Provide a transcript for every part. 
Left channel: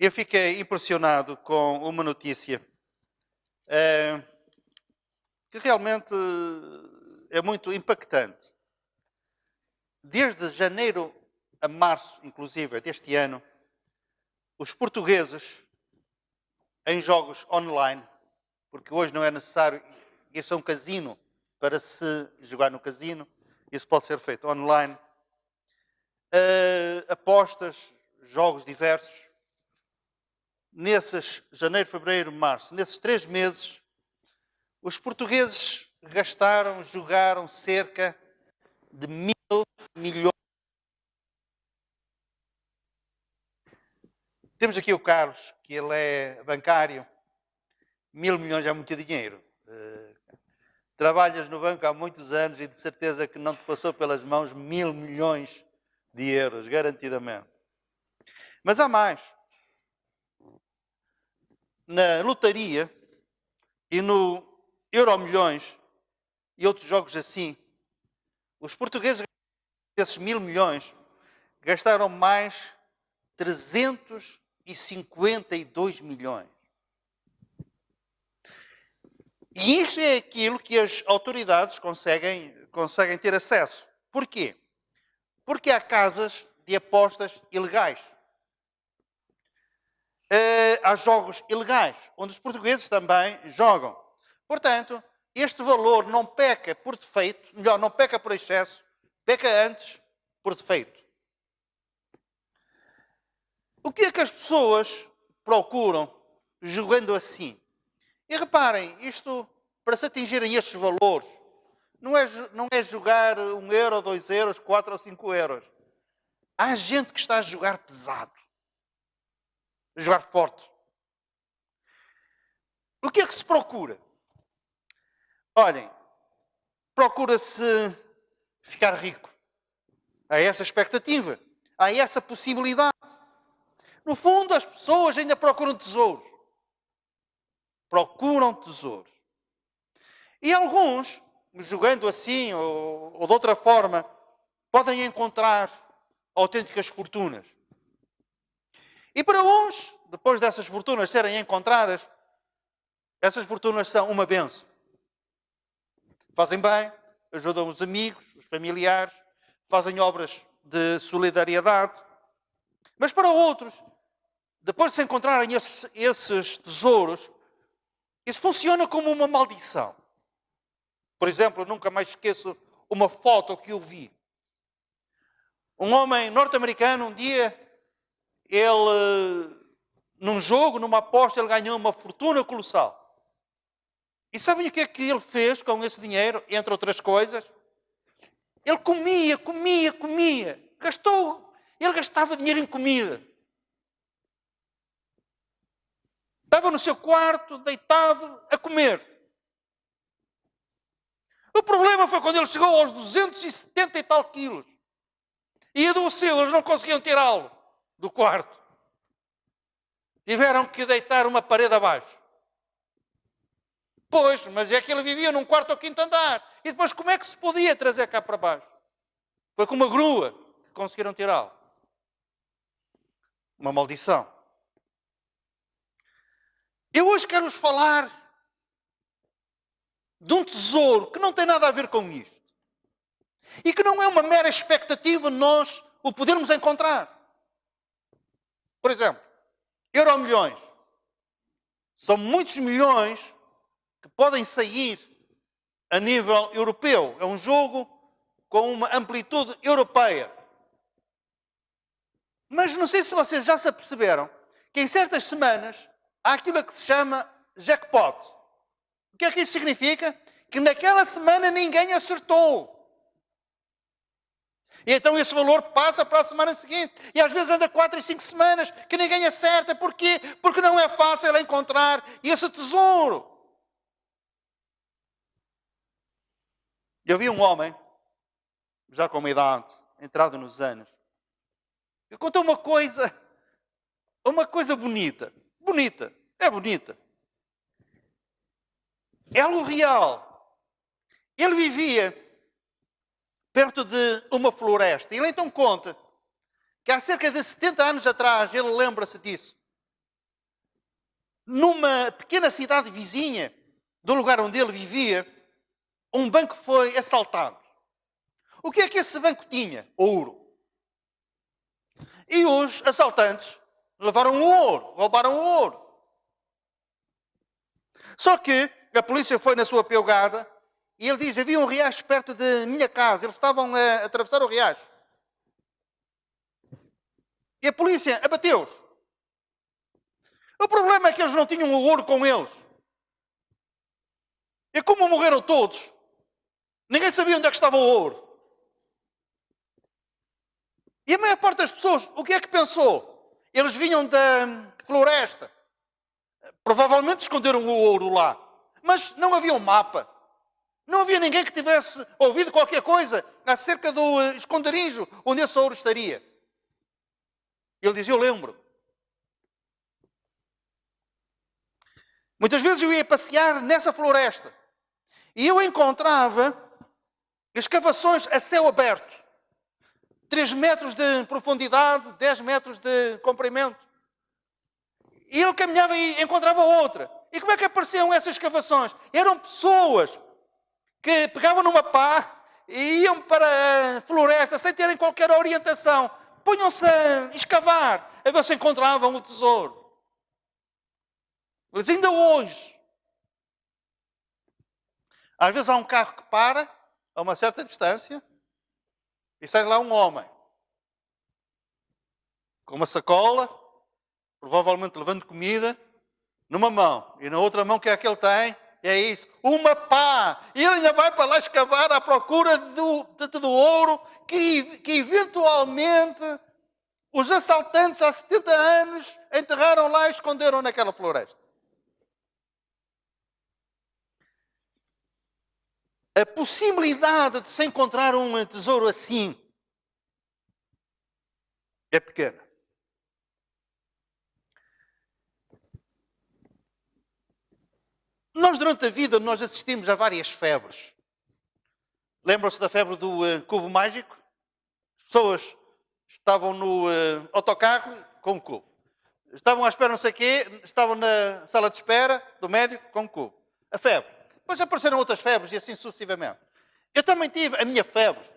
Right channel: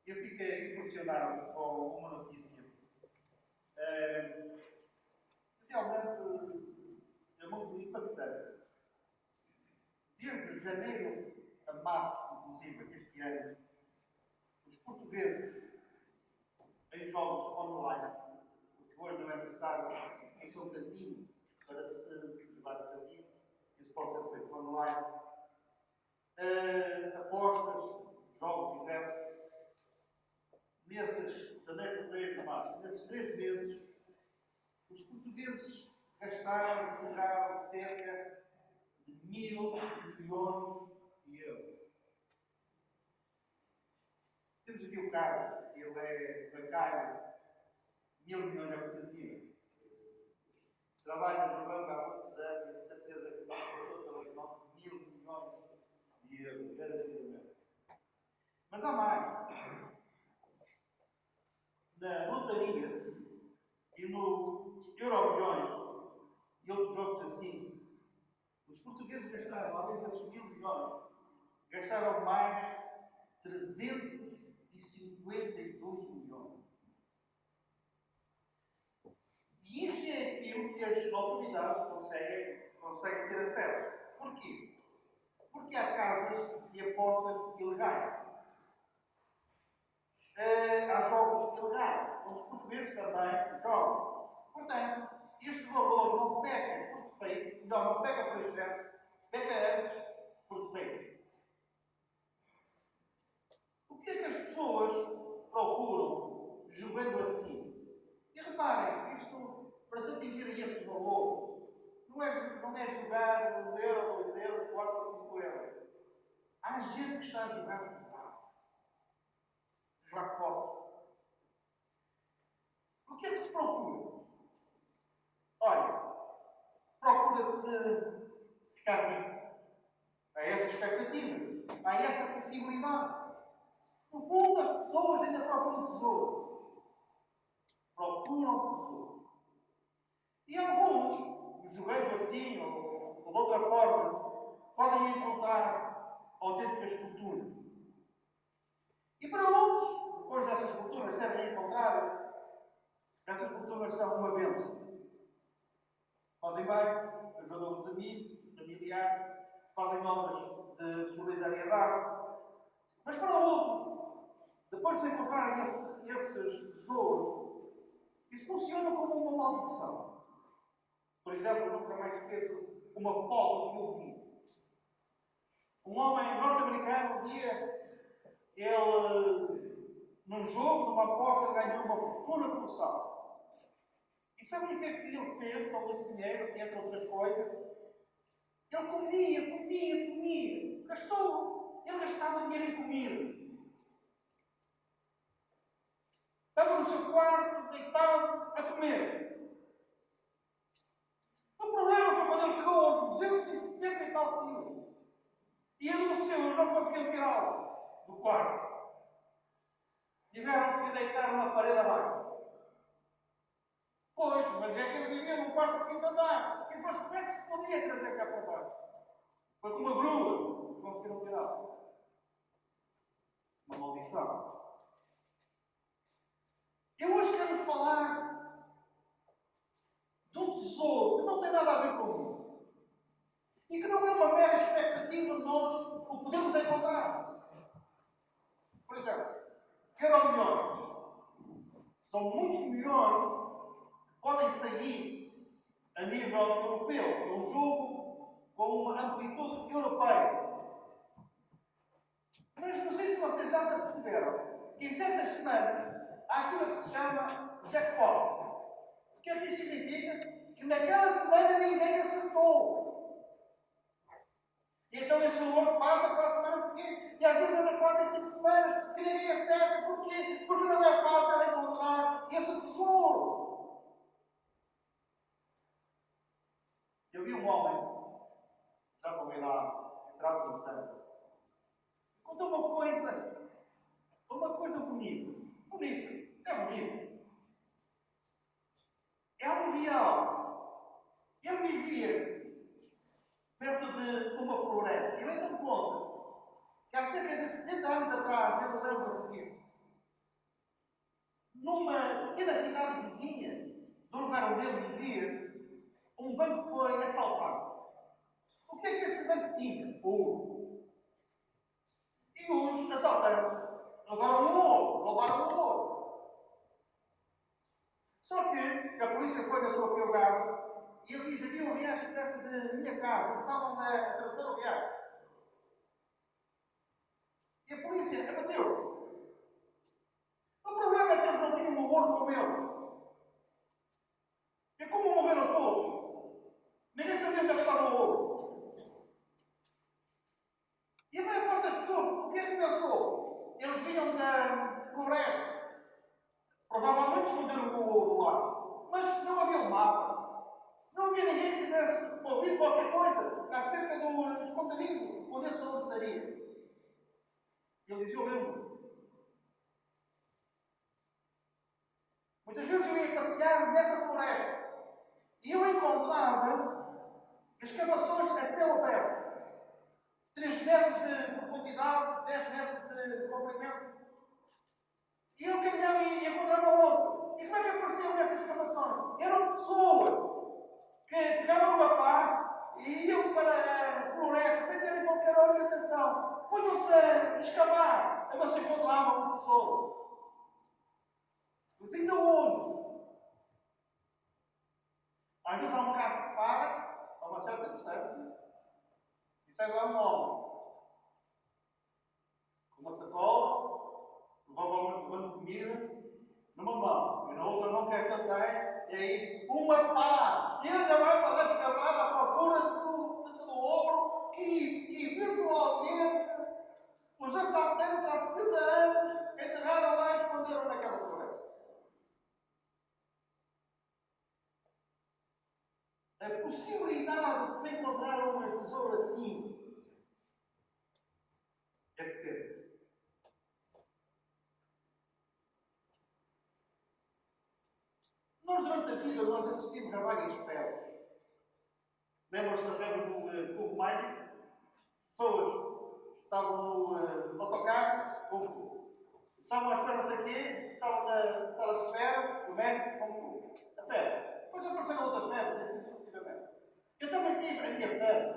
Eu fiquei impressionado com uma notícia que realmente é muito impactante. Desde janeiro a março, inclusive, deste ano, os portugueses, em jogos online, porque hoje não é necessário ir a um casino para se jogar no casino, isso pode ser feito online, apostas, jogos diversos. Nesses janeiro, fevereiro, março, nesses 3 meses, os portugueses jogaram cerca de 1.000 milhões de euros. Temos aqui o Carlos, que ele é bancário. 1.000 milhões é muito dinheiro. Trabalhas no banco há muitos anos e de certeza que não te passou pelas mãos 1.000 milhões de euros, garantidamente. Mas há mais. Na lotaria e no Euromilhões e outros jogos assim, os portugueses gastaram, desses 1.000 milhões, gastaram mais 352 milhões. E isto é aquilo que as autoridades conseguem ter acesso. Porquê? Porque há casas de apostas ilegais. Há jogos ilegais, onde os portugueses também jogam. Portanto, este valor não peca por defeito, melhor, não peca por excesso, peca antes por defeito. O que é que as pessoas procuram jogando assim? E reparem, isto, para se atingirem estes valores, não é jogar 1 euro, 2 euros, 4 ou 5 euros. Há gente que está a jogar pesado. A jogar forte. O que é que se procura? Olhem, procura-se ficar rico. Há essa expectativa. Há essa possibilidade. No fundo, as pessoas ainda procuram tesouros. Procuram tesouros. E alguns, jogando assim ou de outra forma, podem encontrar autênticas fortunas. E para uns, depois dessas fortunas serem encontradas, essas fortunas são uma bênção. Fazem bem, ajudam os amigos, os familiares, fazem obras de solidariedade. Mas para outros, depois de se encontrarem esses tesouros, isso funciona como uma maldição. Por exemplo, nunca mais esqueço uma foto que eu vi. Um homem norte-americano, um dia, ele, num jogo, numa aposta, ele ganhou uma fortuna colossal. E sabem o que é que ele fez com esse dinheiro, entre outras coisas? Ele comia. Ele gastava dinheiro em comida. Estava no seu quarto, deitado, a comer. O problema foi quando ele chegou aos 270 e tal quilos. E adoeceu, eles não conseguiam tirá-lo do quarto. Tiveram que deitar uma parede abaixo. Pois, mas é que ele vivia num quarto ou quinto andar. E depois como é que se podia trazer cá para baixo? Foi com uma grua que conseguiram tirá-lo. Uma maldição. Eu hoje quero-vos falar de um tesouro que não tem nada a ver com isto. E que não é uma mera expectativa nós o podermos encontrar. Por exemplo, Euromilhões. São muitos milhões que podem sair a nível europeu. É um jogo com uma amplitude europeia. Mas não sei se vocês já se aperceberam que em certas semanas há aquilo que se chama jackpot. O que é que isso significa? Que naquela semana ninguém acertou. E então esse valor passa para a semana seguinte. E às vezes anda 4 e 5 semanas que ninguém acerta. Porquê? Porque não é fácil encontrar esse tesouro. Eu vi um homem, já com uma idade, entrado nos anos, que contou uma coisa bonita. Bonita. É bonita. É algo real. Ele vivia perto de uma floresta. Ele então conta que há cerca de 70 anos atrás, ele lembra-se disso, numa pequena cidade vizinha do lugar onde ele vivia, um banco foi assaltado. O que é que esse banco tinha? Ouro. E os assaltantes levaram o ouro, roubaram o ouro. Só que a polícia foi na sua pegada e ele diz: havia um riacho perto da minha casa. Eles estavam a atravessar o riacho. E a polícia abateu-os. O problema é que eles não tinham o ouro com eles. E como morreram todos, ninguém sabia onde é que estava o ouro. E a maior parte das pessoas, o que é que pensou? Eles vinham da floresta. Provavelmente esconderam o ouro lá. Mas não havia um mapa. Não havia ninguém que tivesse ouvido qualquer coisa acerca do esconderijo onde esse ouro estaria. Ele diz: eu lembro. Muitas vezes eu ia passear nessa floresta e eu encontrava escavações a céu aberto. 3 metros de profundidade, 10 metros de comprimento. E ele caminhava e encontrava outra. E como é que apareciam essas escavações? Eram pessoas que pegavam numa pá e iam para a floresta sem terem qualquer orientação. Punham-se a escavar a ver se encontravam o tesouro. Mas ainda hoje, às vezes há um carro que para a uma certa distância e sai lá um homem com uma sacola, provavelmente levando comida, numa mão. E na outra mão, o que é que ele tem? É isso, uma pá. E ele ainda vai para lá escavar à procura do ouro que eventualmente os assaltantes há 70 anos enterraram lá e esconderam naquela floresta. A possibilidade de se encontrar um tesouro assim é pequena. Nós, durante a vida, nós assistimos a várias febres. Lembram-se da febre do cubo mágico? As pessoas estavam no autocarro com um cubo. Estavam à espera não sei o quê, estavam na sala de espera do médico com um cubo. A febre. Depois apareceram outras febres e assim sucessivamente. Eu também tive a minha febre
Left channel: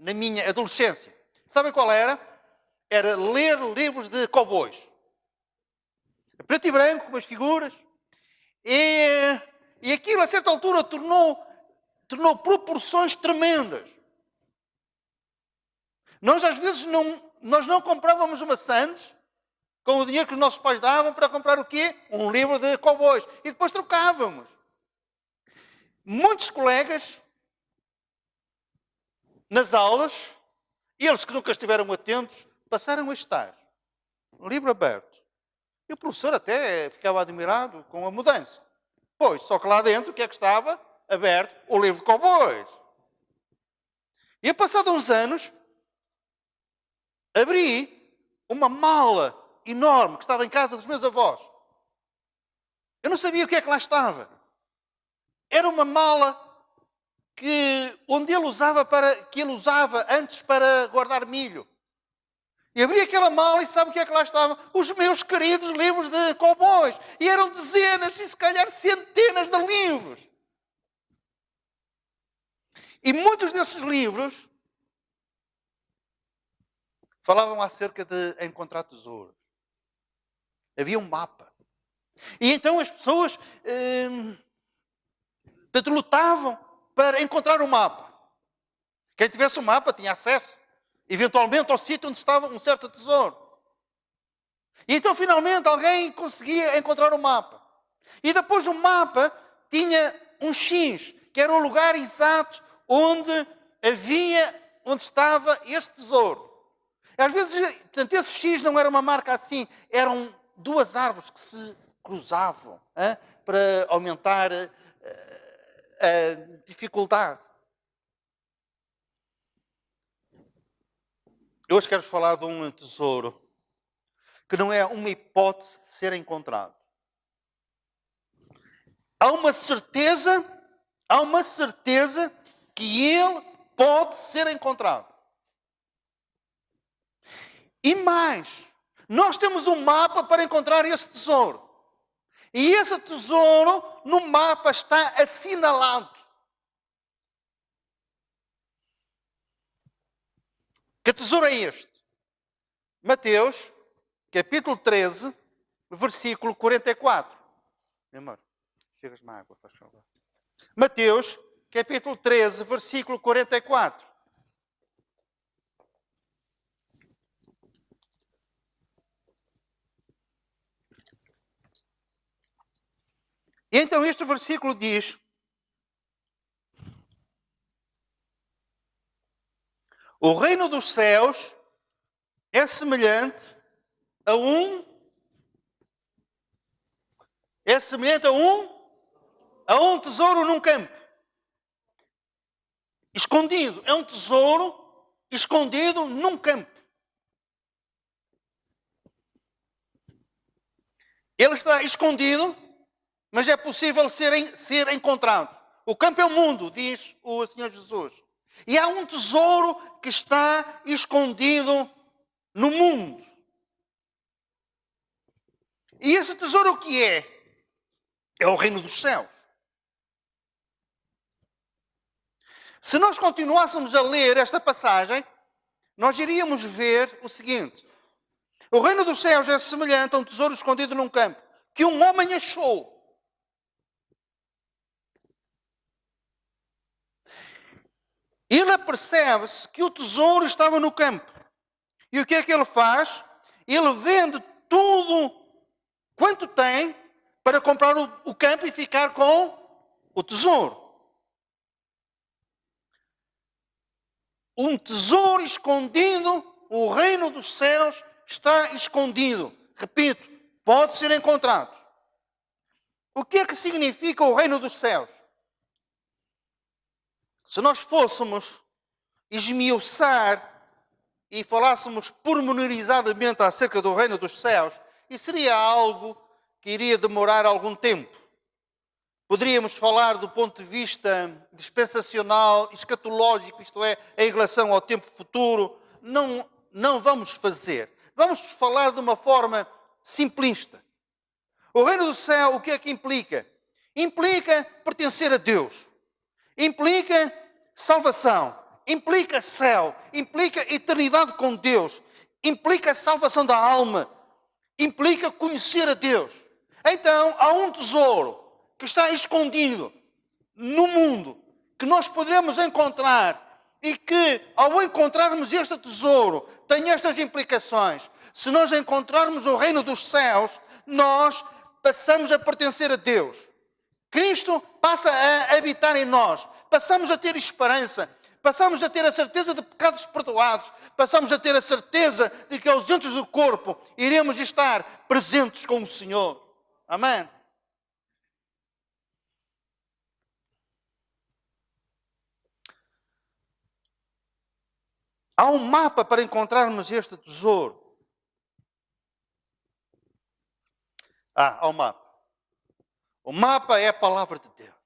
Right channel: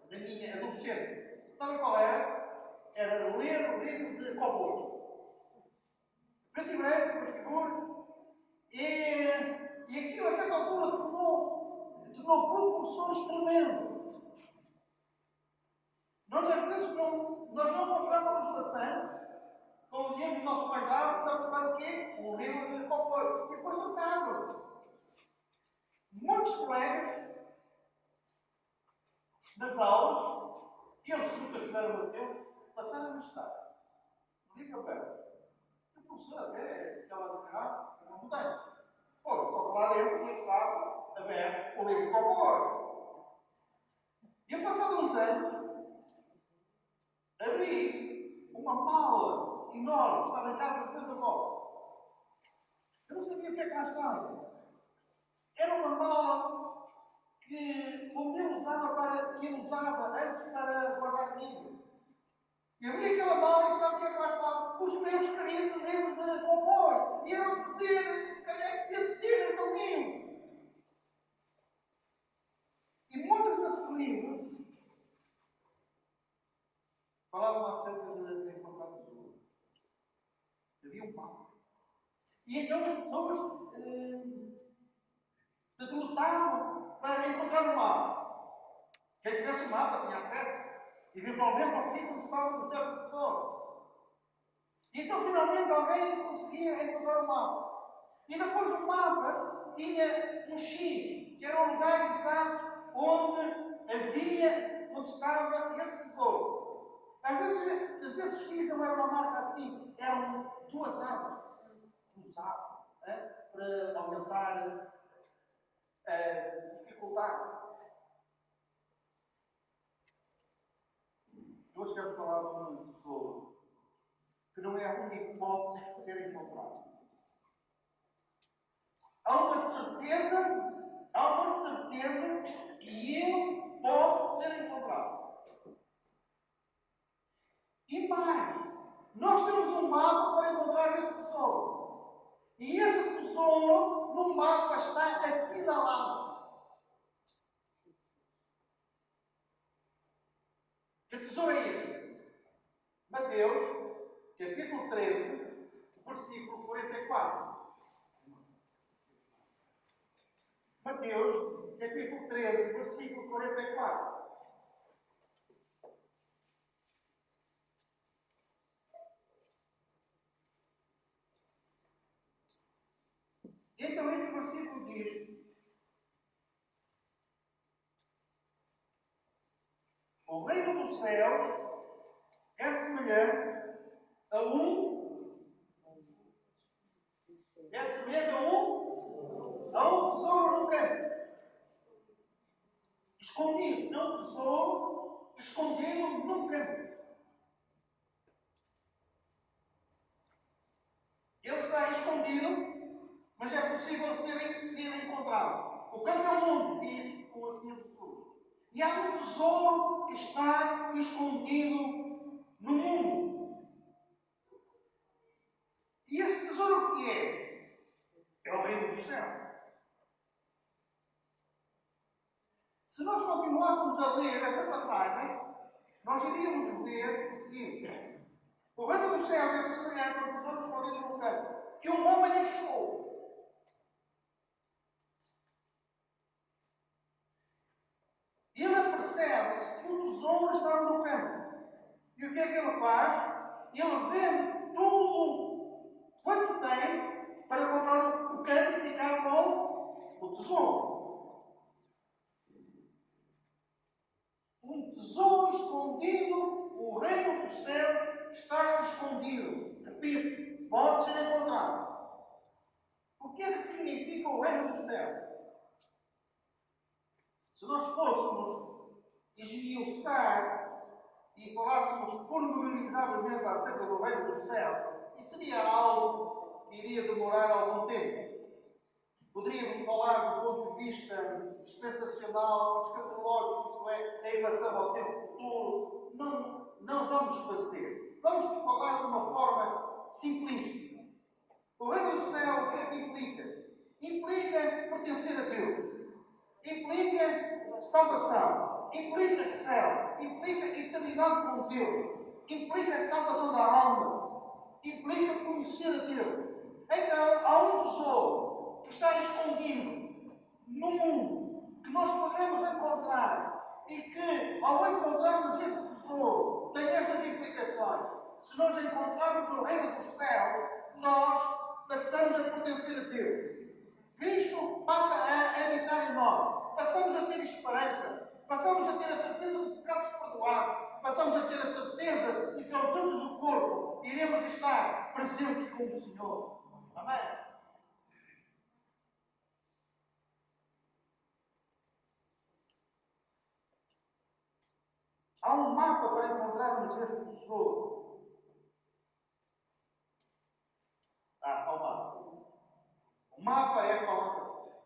na minha adolescência. Sabem qual era? Era ler livros de cowboys. Preto e branco, com as figuras. E aquilo, a certa altura, tornou proporções tremendas. Nós, às vezes, não comprávamos maçãs com o dinheiro que os nossos pais davam para comprar o quê? Um livro de cowboys. E depois trocávamos. Muitos colegas, nas aulas, eles que nunca estiveram atentos, passaram a estar. Um livro aberto. E o professor até ficava admirado com a mudança. Pois, só que lá dentro, o que é que estava? Aberto o livro de cowboys. E a passado uns anos, abri uma mala enorme que estava em casa dos meus avós. Eu não sabia o que é que lá estava. Era uma mala onde ele usava que ele usava antes para guardar milho. E abri aquela mala e sabe o que é que lá estava? Os meus queridos livros de cowboys. E eram dezenas e se calhar centenas de livros. E muitos desses livros falavam acerca de encontrar tesouros. Havia um mapa. E então as pessoas lutavam para encontrar o mapa. Quem tivesse o mapa tinha acesso, eventualmente, ao sítio onde estava um certo tesouro. E então, finalmente, alguém conseguia encontrar o mapa. E depois o mapa tinha um X, que era o lugar exato onde estava esse tesouro. Às vezes, portanto, esse X não era uma marca assim, eram 2 árvores que se cruzavam, para aumentar a dificuldade. Eu hoje quero falar de um tesouro que não é uma hipótese de ser encontrado. Há uma certeza que ele pode ser encontrado. E mais, nós temos um mapa para encontrar esse tesouro. E esse tesouro no mapa está assinalado. Que tesouro é este? Mateus, capítulo 13, versículo 44. Meu amor, chegas-me água, faz favor. Mateus, capítulo 13, versículo 44. E então este versículo diz: o reino dos céus é semelhante a um tesouro num campo. Escondido. É um tesouro escondido num campo. Ele está escondido, mas é possível ser encontrado. O campo é o mundo, diz o Senhor Jesus. E há um tesouro que está escondido no mundo. E esse tesouro o que é? É o reino dos céus. Se nós continuássemos a ler esta passagem, nós iríamos ver o seguinte: o reino dos céus é semelhante a um tesouro escondido num campo, que um homem achou. Ele apercebe-se que o tesouro estava no campo. E o que é que ele faz? Ele vende tudo quanto tem para comprar o campo e ficar com o tesouro. Um tesouro escondido, o reino dos céus está escondido. Repito, pode ser encontrado. O que é que significa o reino dos céus? Se nós fôssemos esmiuçar e falássemos pormenorizadamente acerca do reino dos céus, isso seria algo que iria demorar algum tempo. Poderíamos falar do ponto de vista dispensacional, escatológico, isto é, em relação ao tempo futuro. Não vamos fazer. Vamos falar de uma forma simplista. O reino do céu, o que é que implica? Implica pertencer a Deus. Implica salvação. Implica céu. Implica eternidade com Deus. Implica salvação da alma. Implica conhecer a Deus. Então, há um tesouro que está escondido no mundo, que nós poderemos encontrar e que, ao encontrarmos este tesouro, tem estas implicações. Se nós encontrarmos o reino dos céus, nós passamos a pertencer a Deus. Cristo passa a habitar em nós. Passamos a ter esperança. Passamos a ter a certeza de pecados perdoados. Passamos a ter a certeza de que aos dias do corpo iremos estar presentes com o Senhor. Amém? Há um mapa para encontrarmos este tesouro. Há um mapa. O mapa é a palavra de Deus.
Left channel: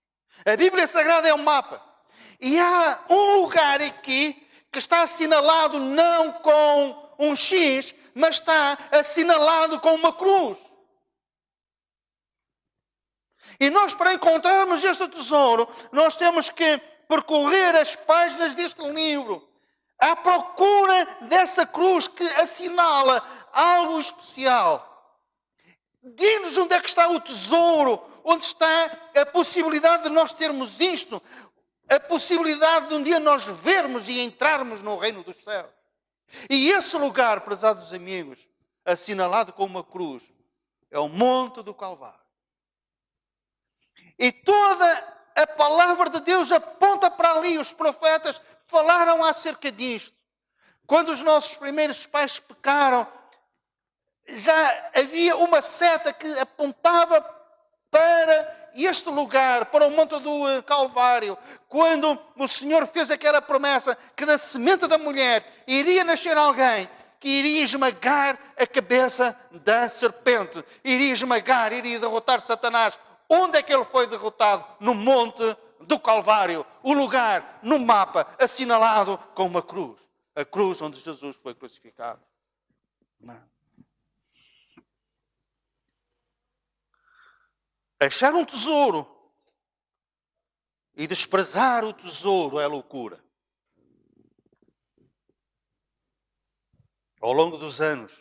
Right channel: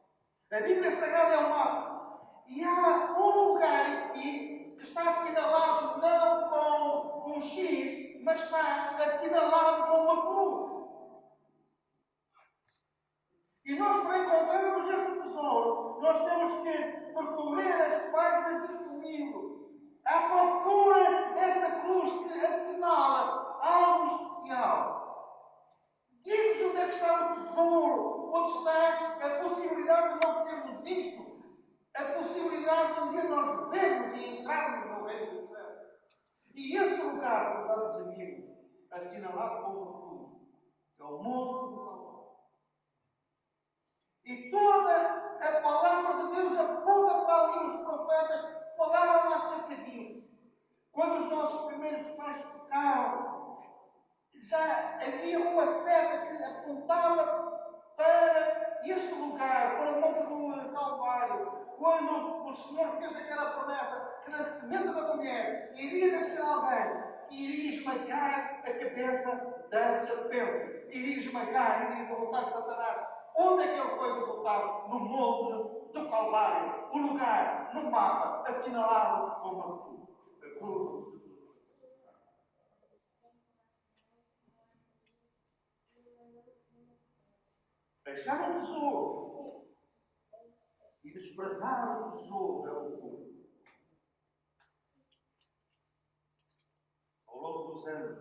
A Bíblia Sagrada é um mapa. E há um lugar aqui que está assinalado não com um X, mas está assinalado com uma cruz. E nós, para encontrarmos este tesouro, nós temos que percorrer as páginas deste livro à procura dessa cruz que assinala algo especial. Diz-nos onde é que está o tesouro, onde está a possibilidade de nós termos isto, a possibilidade de um dia nós vermos e entrarmos no reino dos céus. E esse lugar, prezados amigos, assinalado com uma cruz, é o Monte do Calvário. E toda a palavra de Deus aponta para ali. Os profetas falaram acerca disto. Quando os nossos primeiros pais pecaram, já havia uma seta que apontava para este lugar, para o Monte do Calvário. Quando o Senhor fez aquela promessa que da semente da mulher iria nascer alguém que iria esmagar a cabeça da serpente, iria esmagar, iria derrotar Satanás. Onde é que ele foi derrotado? No Monte do Calvário, o lugar no mapa assinalado com uma cruz. A cruz onde Jesus foi crucificado. Achar um tesouro e desprezar o tesouro é loucura. Ao longo dos anos,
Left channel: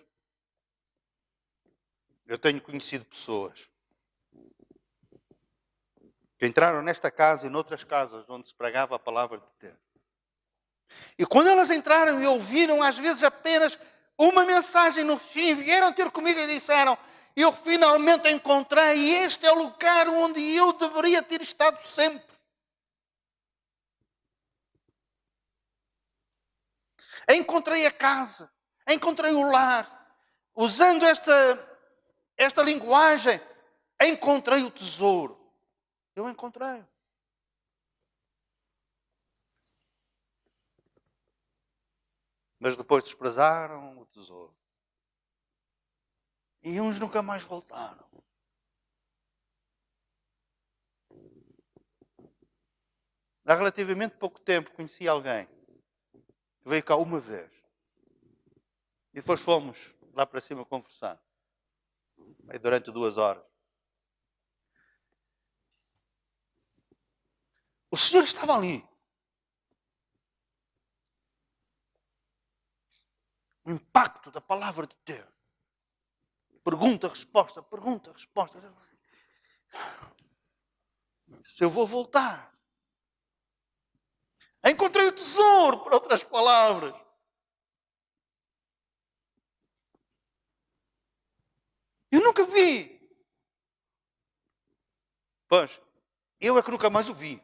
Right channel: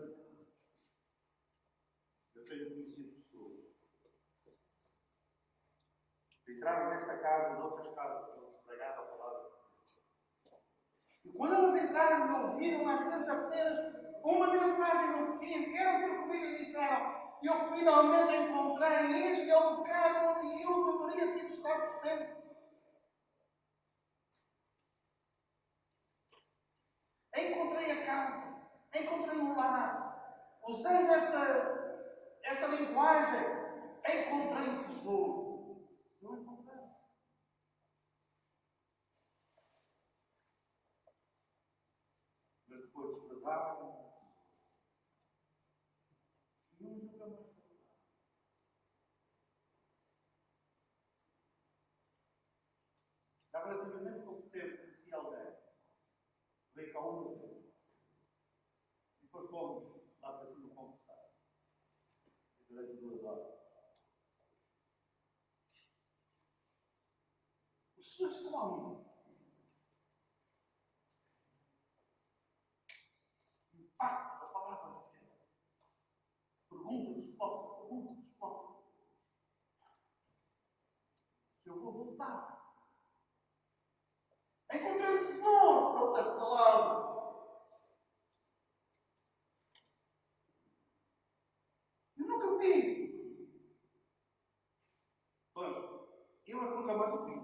eu tenho conhecido pessoas que entraram nesta casa e noutras casas onde se pregava a palavra de Deus. E quando elas entraram e ouviram, às vezes apenas uma mensagem no fim, vieram ter comigo e disseram: eu finalmente encontrei, este é o lugar onde eu deveria ter estado sempre. Encontrei a casa, encontrei o lar, usando esta linguagem, encontrei o tesouro. Eu encontrei. Mas depois desprezaram o tesouro. E uns nunca mais voltaram. Há relativamente pouco tempo conheci alguém que veio cá uma vez. E depois fomos lá para cima conversar. Aí durante 2 horas. O Senhor estava ali. O impacto da palavra de Deus. Pergunta, resposta, pergunta, resposta. Se eu vou voltar. Encontrei o tesouro, por outras palavras. Eu nunca vi. Pois, eu é que nunca mais o vi.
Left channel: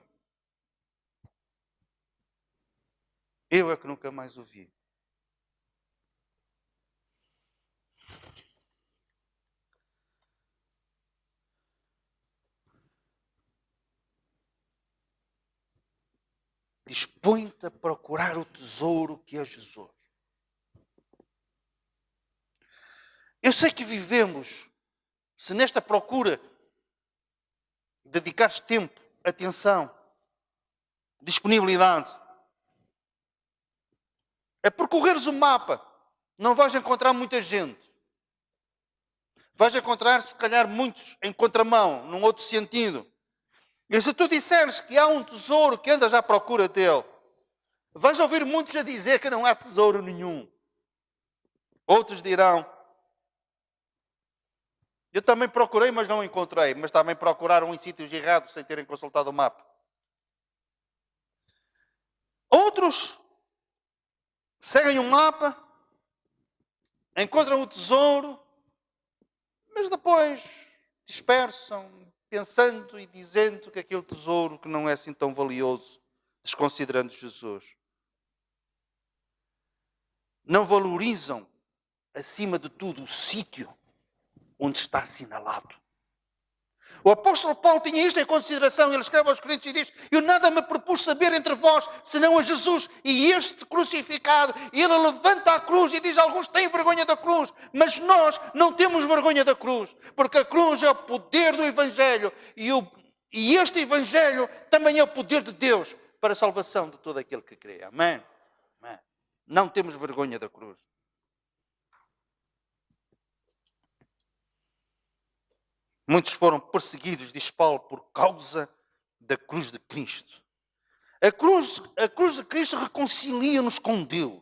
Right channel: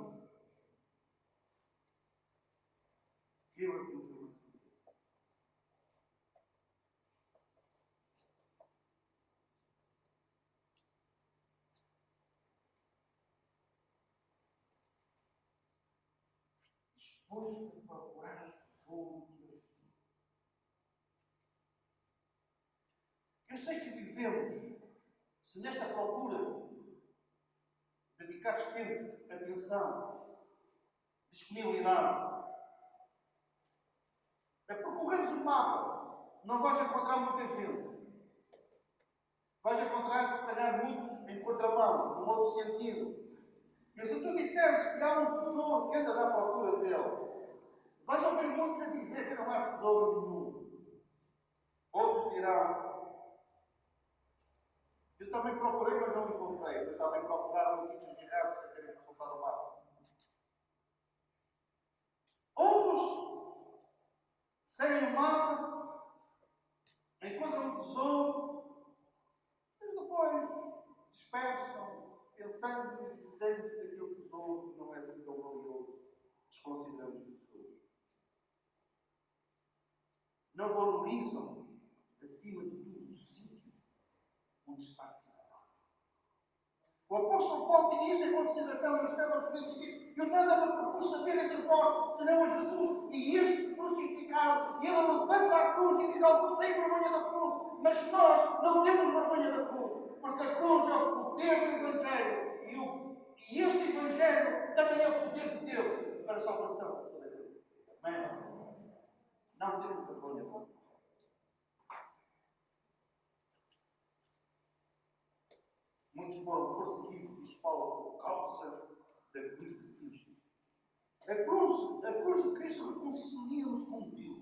Eu é que nunca mais o vi. Dispõe-te a procurar o tesouro que é Jesus. Eu sei que vivemos, se nesta procura dedicares tempo, atenção, disponibilidade, é percorreres o mapa, não vais encontrar muita gente. Vais encontrar, se calhar, muitos em contramão, num outro sentido. E se tu disseres que há um tesouro que andas à procura dele, vais ouvir muitos a dizer que não há tesouro nenhum. Outros dirão: eu também procurei, mas não encontrei. Mas também procuraram em sítios errados sem terem consultado o mapa. Outros seguem o mapa, encontram o tesouro, mas depois dispersam, pensando e dizendo que aquele tesouro que não é assim tão valioso, desconsiderando Jesus. Não valorizam, acima de tudo, o sítio onde está assinalado. O apóstolo Paulo tinha isto em consideração. Ele escreve aos Coríntios e diz: eu nada me propus saber entre vós, senão a Jesus e este crucificado. E ele levanta a cruz e diz: alguns têm vergonha da cruz, mas nós não temos vergonha da cruz, porque a cruz é o poder do Evangelho e este Evangelho também é o poder de Deus para a salvação de todo aquele que crê. Amém? Amém. Não temos vergonha da cruz. Muitos foram perseguidos, diz Paulo, por causa da cruz de Cristo. A cruz de Cristo reconcilia-nos com Deus.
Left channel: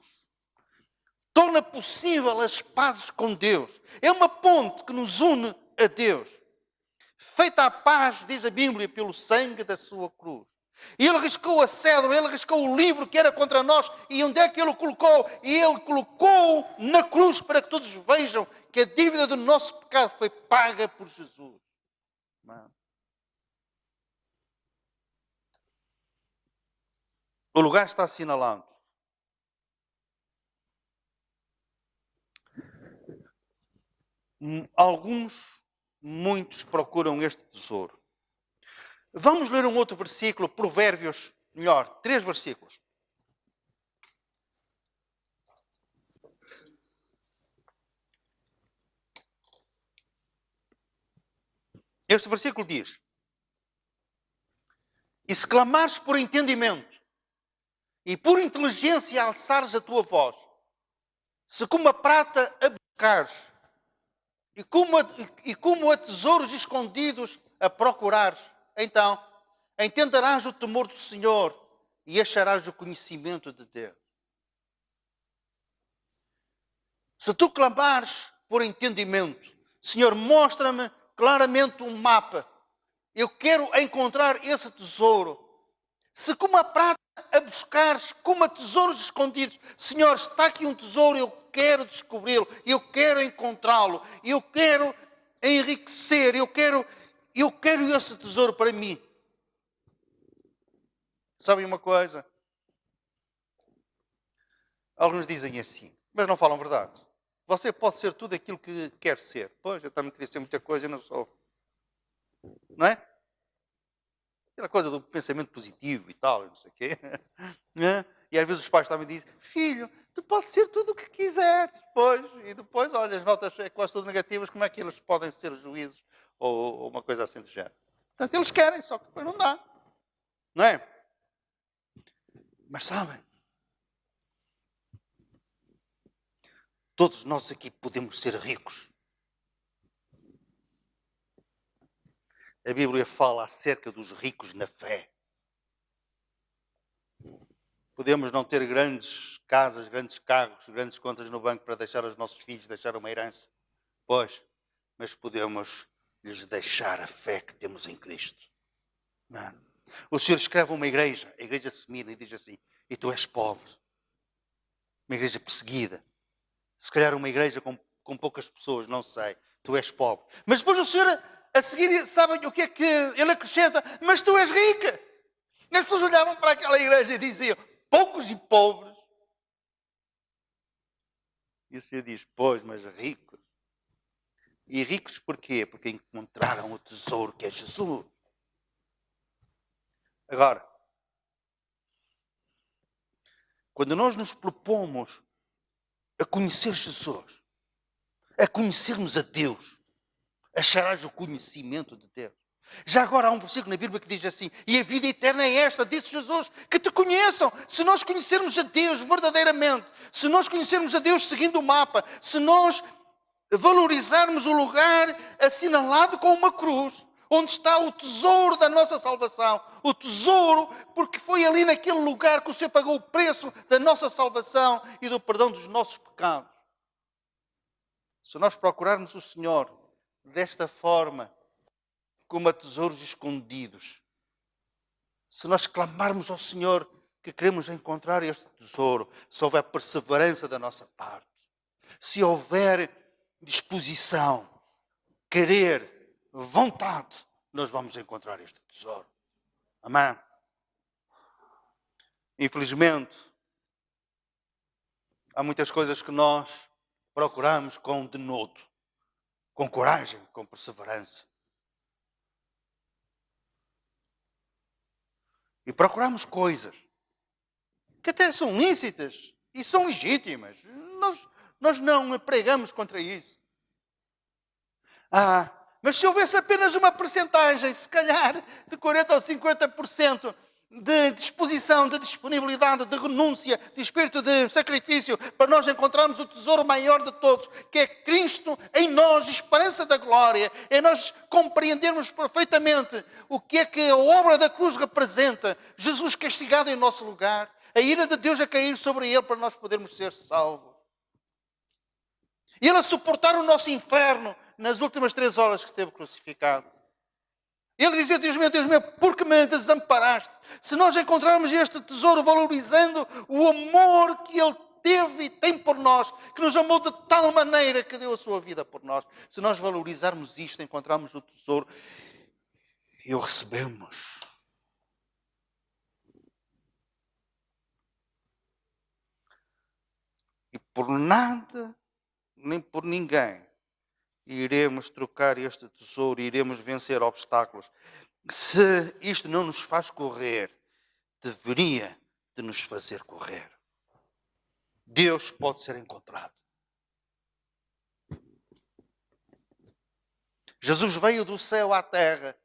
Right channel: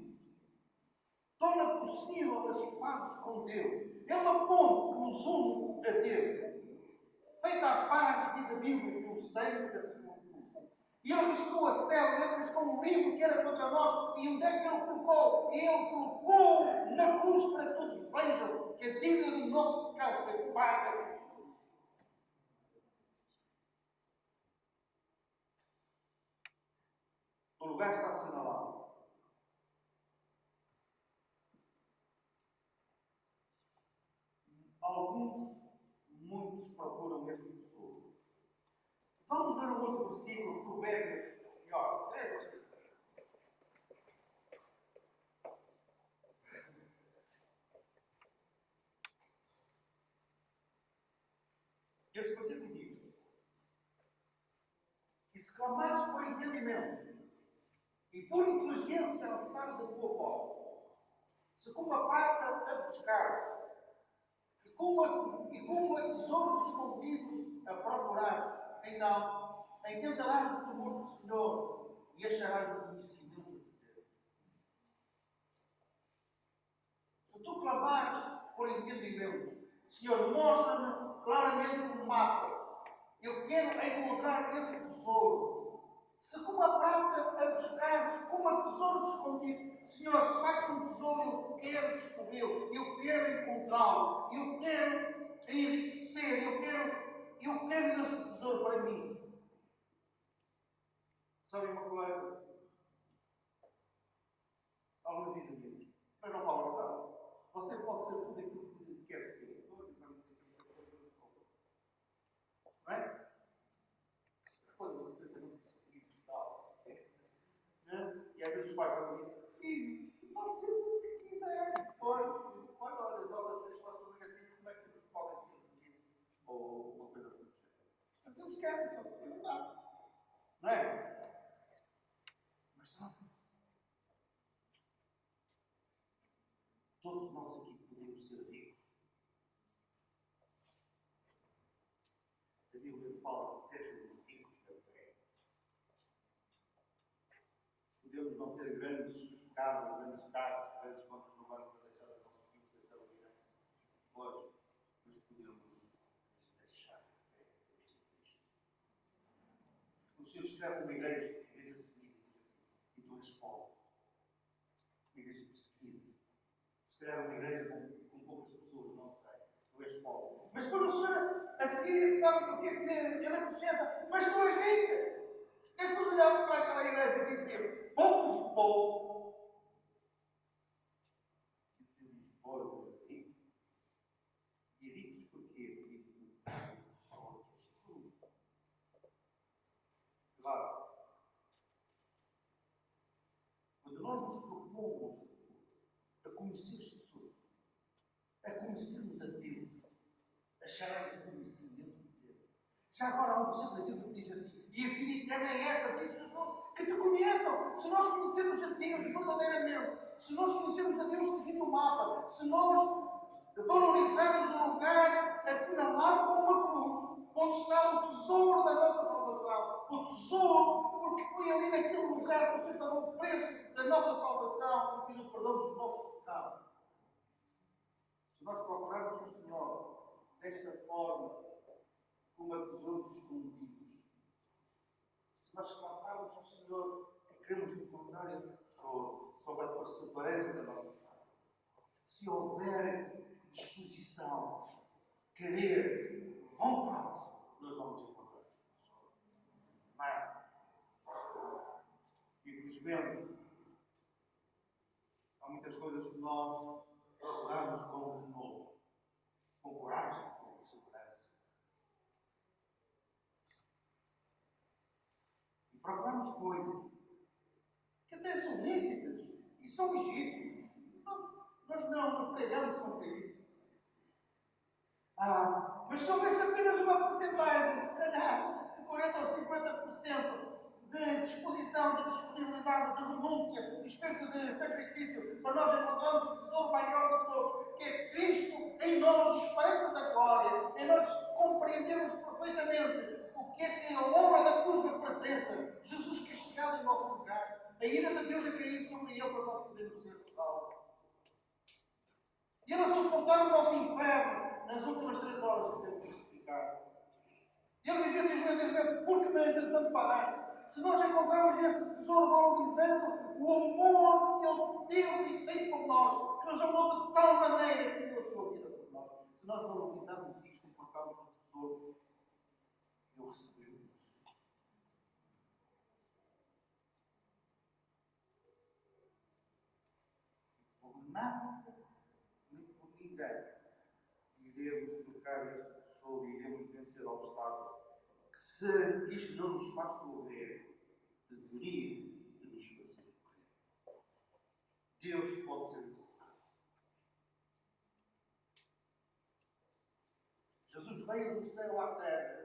Torna possível as pazes com Deus. É uma ponte que nos une a Deus. Feita a paz, diz a Bíblia, pelo sangue da sua cruz. E ele riscou a cédula, ele riscou o livro que era contra nós. E onde é que ele o colocou? E ele colocou na cruz para que todos vejam que a dívida do nosso pecado foi paga por Jesus. O lugar está assinalado. Muitos procuram este tesouro. Vamos ler um outro versículo, Provérbios, 3 versículos. Este versículo diz: e se clamares por entendimento e por inteligência alçares a tua voz, se como a prata abocares e como a tesouros escondidos a procurares, então entenderás o temor do Senhor e acharás o conhecimento de Deus. Se tu clamares por entendimento, Senhor, mostra-me claramente um mapa. Eu quero encontrar esse tesouro. Se como a prata a buscares, como a tesouros escondidos, Senhor, está aqui um tesouro, eu quero descobri-lo, eu quero encontrá-lo, eu quero enriquecer, eu quero esse tesouro para mim. Sabem uma coisa? Alguns dizem assim, mas não falam verdade. Você pode ser tudo aquilo que quer ser. Pois, eu também queria ser muita coisa e não sou. Não é? Aquela coisa do pensamento positivo e tal, não sei o quê. E às vezes os pais também dizem, filho, tu podes ser tudo o que quiser. Depois, olha, as notas é quase todas negativas, como é que eles podem ser juízes ou uma coisa assim do género? Portanto, eles querem, só que depois não dá. Não é? Mas sabem, todos nós aqui podemos ser ricos. A Bíblia fala acerca dos ricos na fé. Podemos não ter grandes casas, grandes carros, grandes contas no banco para deixar aos nossos filhos, deixar uma herança. Pois, mas podemos lhes deixar a fé que temos em Cristo. Não. O Senhor escreve uma igreja, a igreja de Semira, e diz assim, e tu és pobre. Uma igreja perseguida. Se calhar uma igreja com poucas pessoas, não sei. Tu és pobre. Mas depois o Senhor, a seguir, sabem o que é que ele acrescenta? Mas tu és rica. E as pessoas olhavam para aquela igreja e diziam, poucos e pobres. E o Senhor diz, pois, mas ricos. E ricos porquê? Porque encontraram o tesouro que é Jesus. Agora, quando nós nos propomos a conhecer Jesus, a conhecermos a Deus, acharás o conhecimento de Deus. Já agora há um versículo na Bíblia que diz assim, e a vida eterna é esta, disse Jesus, que te conheçam. Se nós conhecermos a Deus verdadeiramente, se nós conhecermos a Deus seguindo o mapa, se nós valorizarmos o lugar assinalado com uma cruz, onde está o tesouro da nossa salvação, o tesouro, porque foi ali naquele lugar que o Senhor pagou o preço da nossa salvação e do perdão dos nossos pecados. Se nós procurarmos o Senhor desta forma, como a tesouros escondidos, se nós clamarmos ao Senhor que queremos encontrar este tesouro, se houver perseverança da nossa parte, se houver disposição, querer, vontade, nós vamos encontrar este tesouro. Amém? Infelizmente, há muitas coisas que nós procuramos com denodo, com coragem, com perseverança. E procuramos coisas que até são lícitas e são legítimas. Nós não pregamos contra isso. Mas se houvesse apenas uma percentagem, se calhar de 40% ou 50% de disposição, de disponibilidade, de renúncia, de espírito de sacrifício, para nós encontrarmos o tesouro maior de todos, que é Cristo em nós, esperança da glória, é nós compreendermos perfeitamente o que é que a obra da cruz representa, Jesus castigado em nosso lugar, a ira de Deus a cair sobre Ele para nós podermos ser salvos. E Ele a suportar o nosso inferno nas últimas 3 horas que esteve crucificado. Ele dizia, Deus meu, por que me desamparaste? Se nós encontrarmos este tesouro valorizando o amor que Ele teve e tem por nós, que nos amou de tal maneira que deu a sua vida por nós, se nós valorizarmos isto, encontrarmos o tesouro e o recebemos. E por nada, nem por ninguém, iremos trocar este tesouro, iremos vencer obstáculos. Se isto não nos faz correr, deveria de nos fazer correr. Deus pode ser encontrado. Jesus veio do céu à terra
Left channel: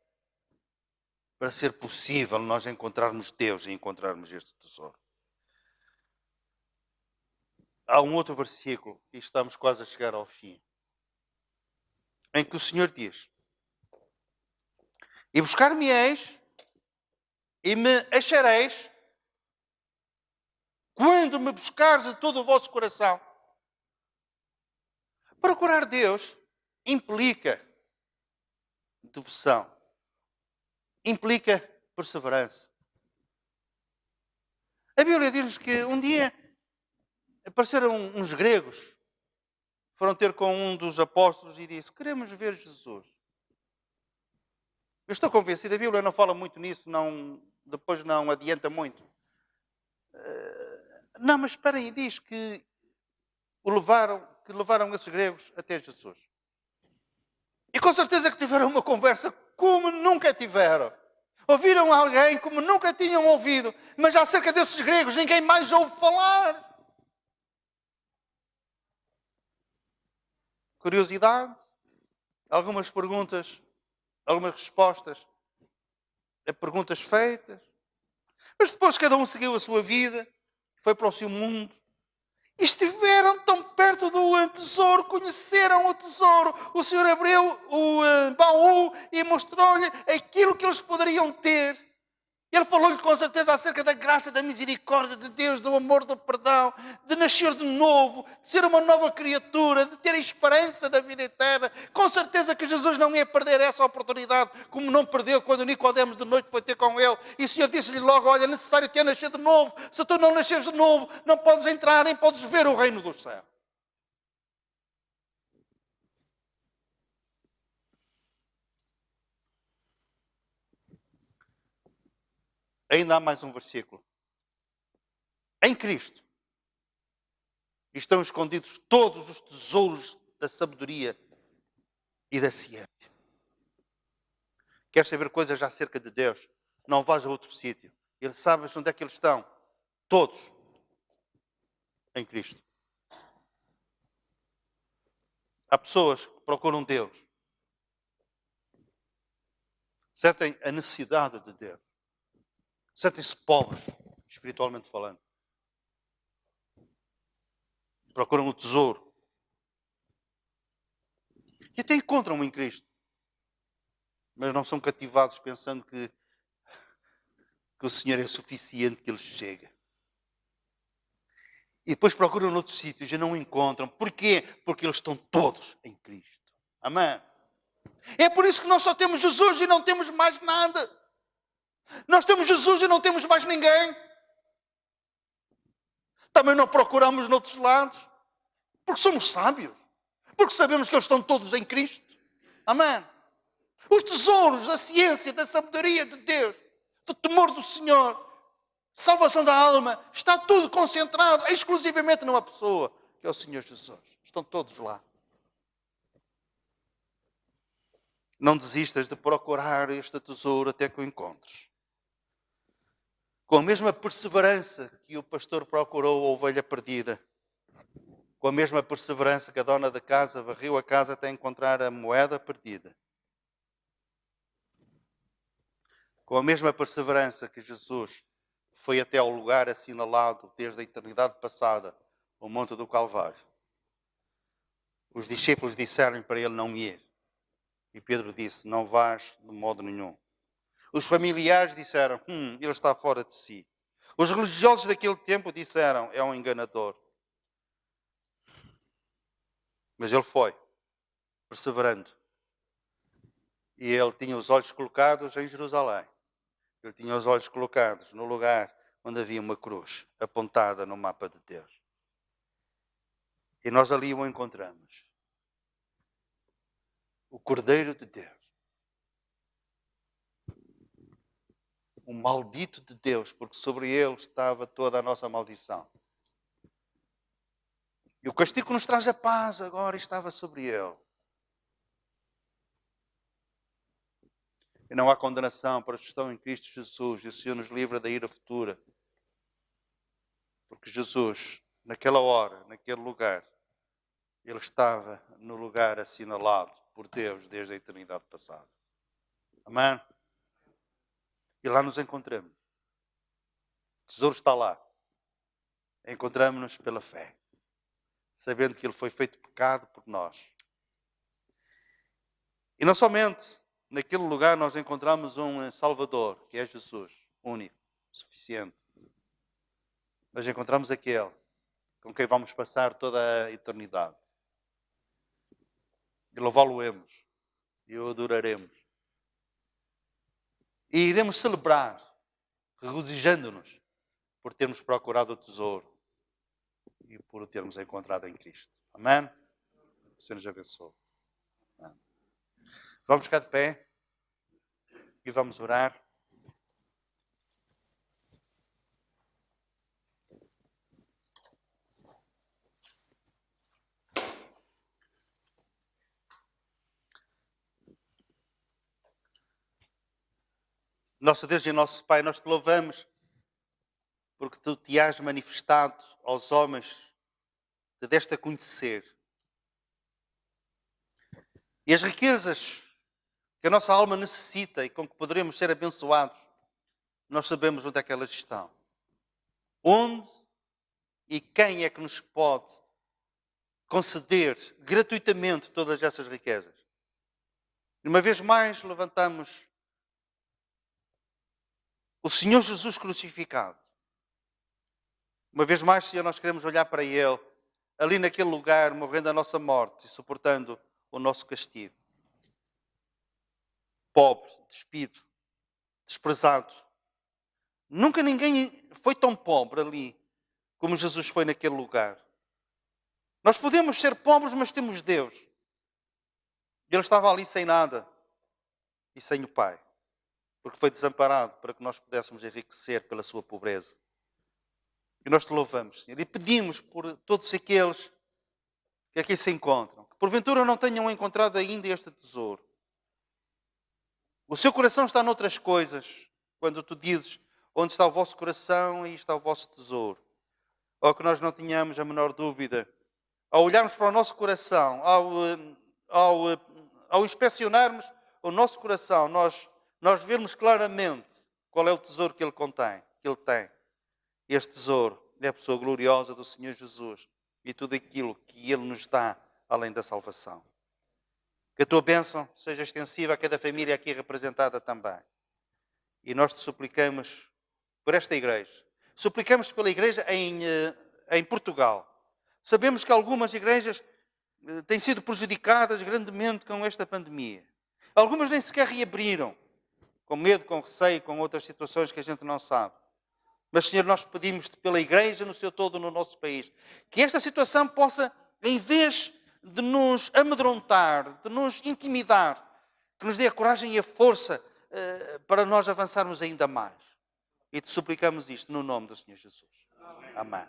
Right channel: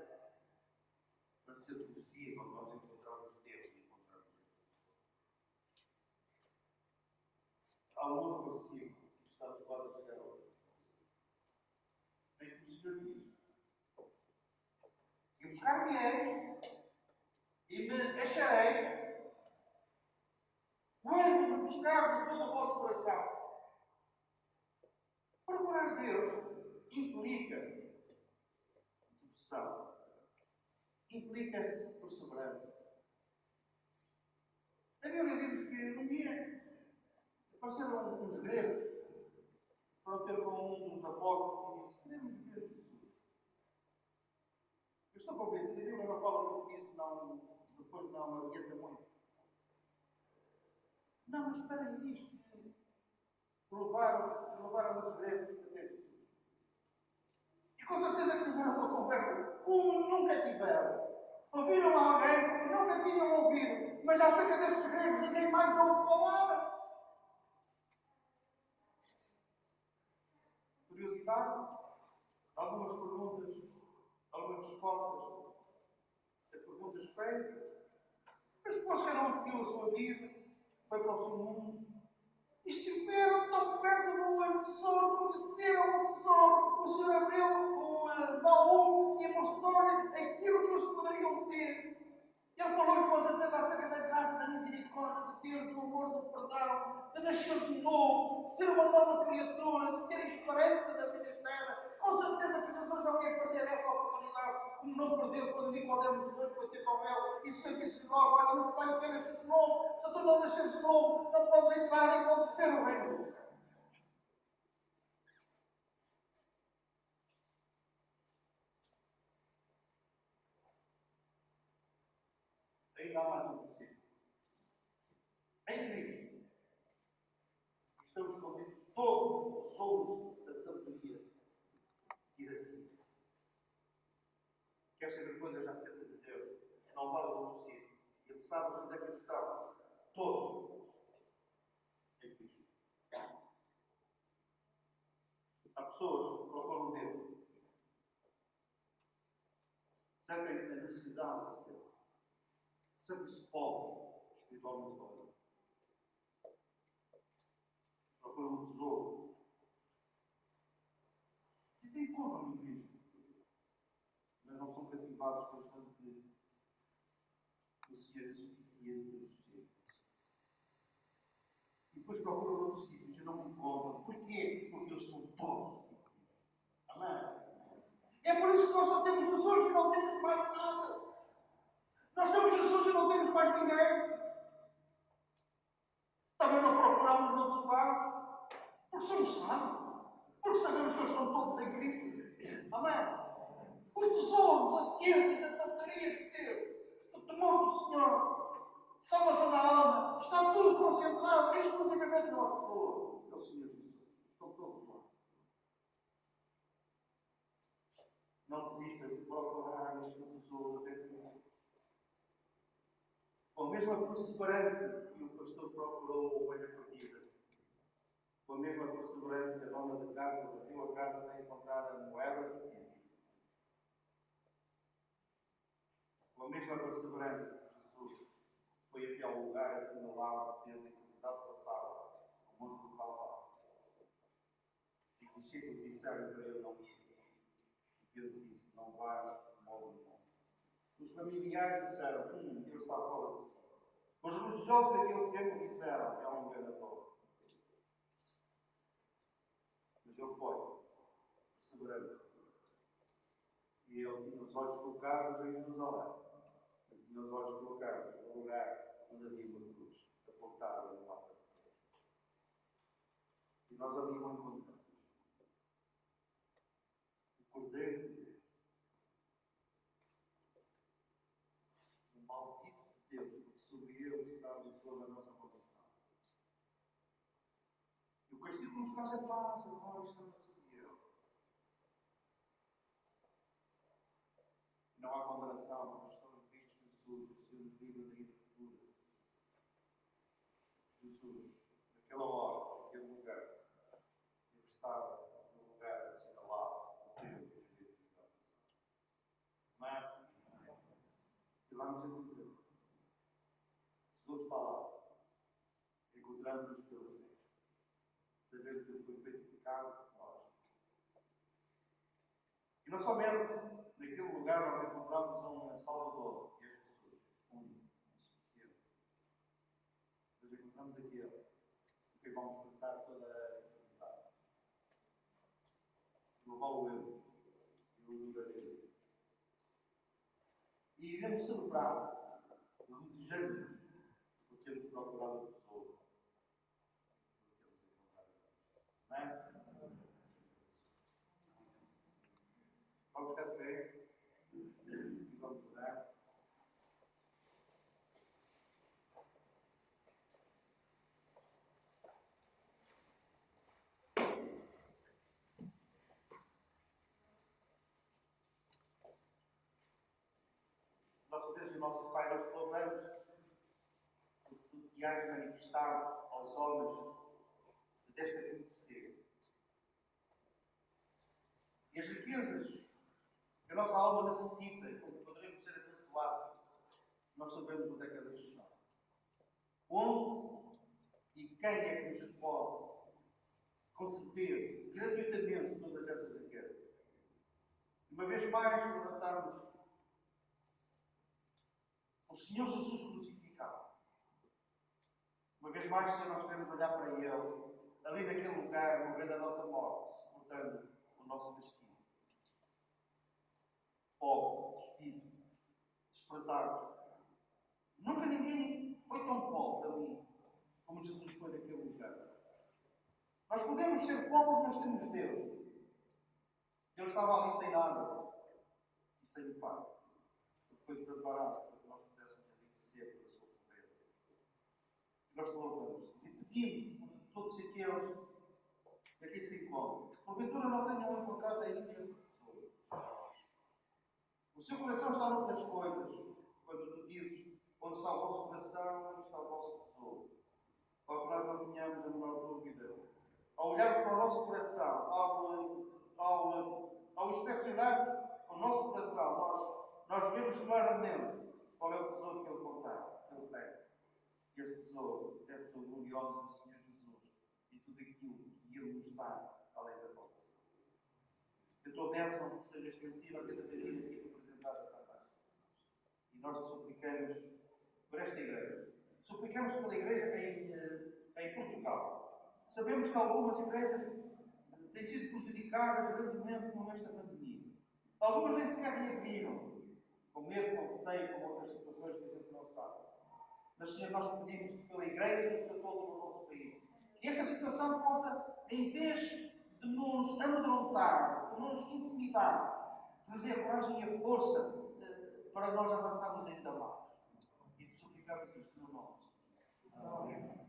para ser possível nós encontrarmos Deus e encontrarmos este tesouro. Há um outro versículo e estamos quase a chegar ao fim. em que o Senhor diz: e buscar-me-eis e me achareis quando me buscares de todo o vosso coração. Procurar Deus implica devoção, implica perseverança. A Bíblia diz que um dia apareceram uns gregos, foram ter com um dos apóstolos e disse: queremos ver Jesus. Eu estou convencido, a Bíblia não fala muito nisso, depois não adianta muito. Não, mas espera aí, diz que levaram esses gregos até Jesus. E com certeza que tiveram uma conversa como nunca tiveram. Ouviram alguém como nunca tinham ouvido. Mas acerca desses gregos ninguém mais ouve falar. Curiosidade, algumas perguntas, algumas respostas a perguntas feitas. Mas depois cada um seguiu a sua vida, foi para o seu mundo. E estiveram tão perto do tesouro, conheceram o tesouro. O Senhor abriu o baú e mostrou-lhe aquilo que eles poderiam ter. Ele falou-lhe com certeza acerca da graça, da misericórdia de Deus, do amor, do perdão, de nascer de novo, de ser uma nova criatura, de ter a esperança da vida eterna. Com certeza que Jesus não ia perder essa oportunidade, como não perdeu quando Nicodemos de noite foi ter com ele. E o Senhor disse-lhe logo: olha, é necessário que eu nascer de novo. Se tu não nasceres de novo, não podes entrar nem podes ver o reino do céu. Ainda há mais um versículo. Em Cristo estão escondidos todos os tesouros da sabedoria e da ciência. Queres saber coisas acerca de Deus? Não vais a outro sítio. Ele sabe onde é que eles estão. Todos em Cristo. Há pessoas que procuram Deus. Sentem a necessidade de Deus. Sentem-se pobres, espiritualmente falando. Procuram o tesouro. E até encontram em Cristo. Mas não são cativados pensando que o Senhor é suficiente, que Ele chega. E depois procuram noutros sítios e não encontram. Porquê? Porque eles estão todos em Cristo. Amém? É por isso que nós só temos Jesus e não temos mais nada. Nós temos Jesus e não temos mais ninguém. Também não procuramos noutros lados. Porque somos sábios. Porque sabemos que eles estão todos em Cristo. Amém? Os tesouros, a ciência, da sabedoria de Deus, do temor do Senhor, salvação da alma, está tudo concentrado exclusivamente numa pessoa, que é o Senhor Jesus. Estão todos lá. Não desistas de procurar este tesouro até que o encontres. Com a mesma perseverança que o pastor procurou a ovelha perdida, com a mesma perseverança que a dona da casa varreu a casa até encontrar a moeda perdida, com a mesma perseverança que Jesus foi até ao lugar assinalado desde a eternidade passada, o Monte do Calvário, os discípulos disseram para ele não ir. E Pedro disse: não vás de modo nenhum. Os familiares disseram: ele está fora de si. Os religiosos daquele tempo disseram: é um enganador. Mas ele foi, perseverando. E ele tinha os olhos colocados em Jerusalém. Ele tinha os olhos colocados no lugar onde havia uma cruz apontada no mapa de Deus. E nós ali o encontramos. O Cordeiro de Deus. O maldito de Deus, porque sobre ele estava toda a nossa maldição. E o castigo que nos traz a paz agora estava sobre ele. E não há condenação para os que estão em Cristo Jesus. E o Senhor nos livra da ira futura. Porque Jesus, naquela hora, naquele lugar, ele estava no lugar assinalado por Deus desde a eternidade passada. Amém? E lá nos encontramos. O tesouro está lá. Encontramos-nos pela fé. Sabendo que ele foi feito pecado por nós. E não somente naquele lugar nós encontramos um Salvador, que é Jesus, único, suficiente. Mas encontramos aquele com quem vamos passar toda a eternidade. E louvá-lo-emos. E o adoraremos. E iremos celebrar, regozijando-nos por termos procurado o tesouro e por o termos encontrado em Cristo. Amém? O Senhor nos abençoe. Amém. Vamos ficar de pé e vamos orar. Nosso Deus e nosso Pai, nós te louvamos porque tu te has manifestado aos homens, te deste a conhecer. E as riquezas que a nossa alma necessita e com que poderemos ser abençoados, nós sabemos onde é que elas estão. Onde e quem é que nos pode conceder gratuitamente todas essas riquezas? E uma vez mais levantamos o Senhor Jesus crucificado. Uma vez mais, Senhor, nós queremos olhar para Ele, ali naquele lugar, morrendo a nossa morte e suportando o nosso castigo. Pobre, despido, desprezado. Nunca ninguém foi tão pobre ali como Jesus foi naquele lugar. Nós podemos ser pobres, mas temos Deus. Ele estava ali sem nada e sem o Pai, porque foi desamparado para que nós pudéssemos enriquecer pela sua pobreza. E nós te louvamos, Senhor, e pedimos por todos aqueles que aqui se encontram, que porventura não tenham encontrado ainda este tesouro. O seu coração está noutras coisas, quando tu dizes onde está o vosso coração e está o vosso tesouro. Ou que nós não tenhamos a menor dúvida, ao olharmos para o nosso coração, ao inspecionarmos o nosso coração, nós vermos claramente qual é o tesouro que ele contém, que ele tem. Este tesouro é a pessoa gloriosa do Senhor Jesus e tudo aquilo que Ele nos dá além da salvação. Que a tua bênção seja extensiva a cada família aqui representada também. E nós te suplicamos por esta igreja. Suplicamos pela igreja em Portugal. Sabemos que algumas igrejas têm sido prejudicadas grandemente com esta pandemia. Algumas nem sequer reabriram, com medo, com receio, com outras situações que a gente não sabe. Mas, Senhor, nós pedimos-te pela igreja no seu todo no nosso país, que esta situação possa, em vez de nos amedrontar, de nos intimidar, que nos dê a coragem e a força para nós avançarmos ainda mais. E te suplicamos isto no nome do Senhor Jesus. Amém.